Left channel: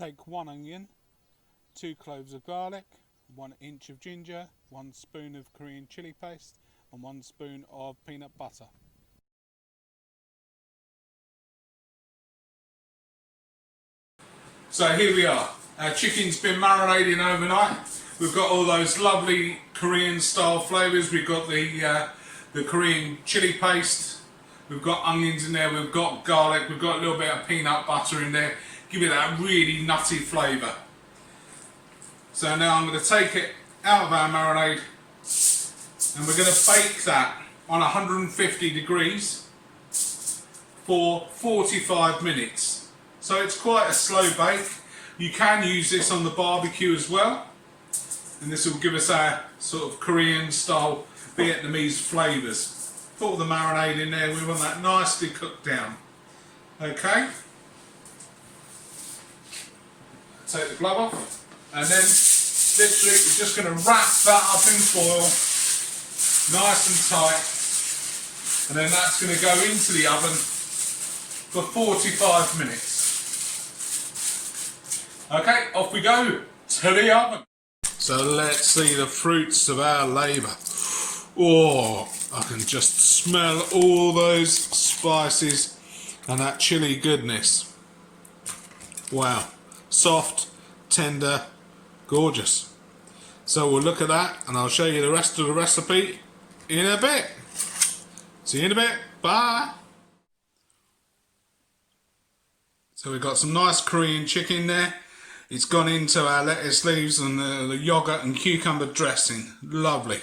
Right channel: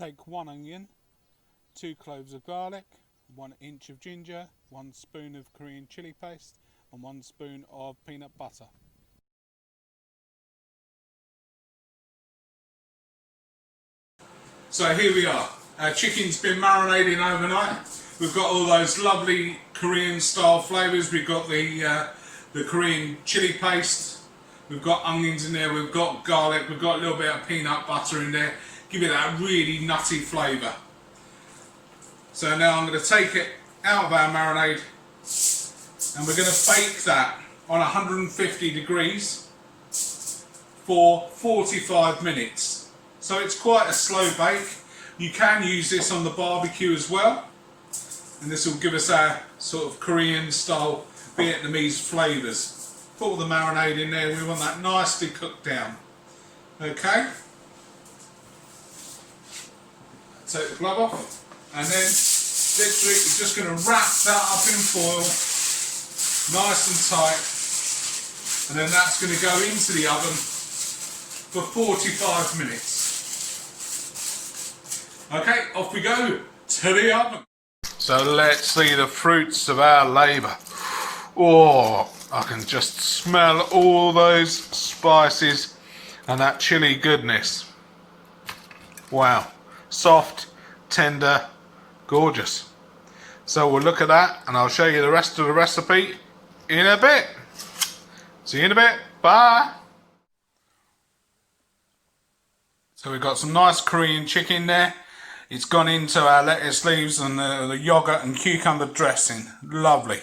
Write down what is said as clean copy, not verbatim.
take 1 onion, 2 cloves of garlic, 1 inch of ginger, 1 spoon of Korean chili paste and 1 spoon of peanut butter. So here we are. Our chicken's been marinating overnight. We've got all those lovely Korean style flavours. We've got the Korean chili paste. We've got onions in there. We've got garlic. We've got a little bit of peanut butter in there. Give it that really nutty flavour. So now I'm going to take it out of our marinade and we're going to bake that on 150 degrees for 45 minutes. So it's quite a slow bake. You can use this on the barbecue as well, and this will give us our sort of Korean style Vietnamese flavours. Put all the marinade in there, we want that nicely cooked down. Okay, take the glove off, and then literally we're just going to wrap that up in foil nice and tight, and then that's going to go into the oven for 45 minutes. Okay, off we go to the oven. So let's see the fruits of our labour. Oh, I can just smell all those spices and that chilli goodness. Wow, soft, tender, gorgeous. So we'll look at that and I'll show you the rest of the recipe in a bit. See you in a bit, bye. So we've got some nice Korean chicken there. It's gone into our lettuce leaves and the yogurt and cucumber dressing. Lovely.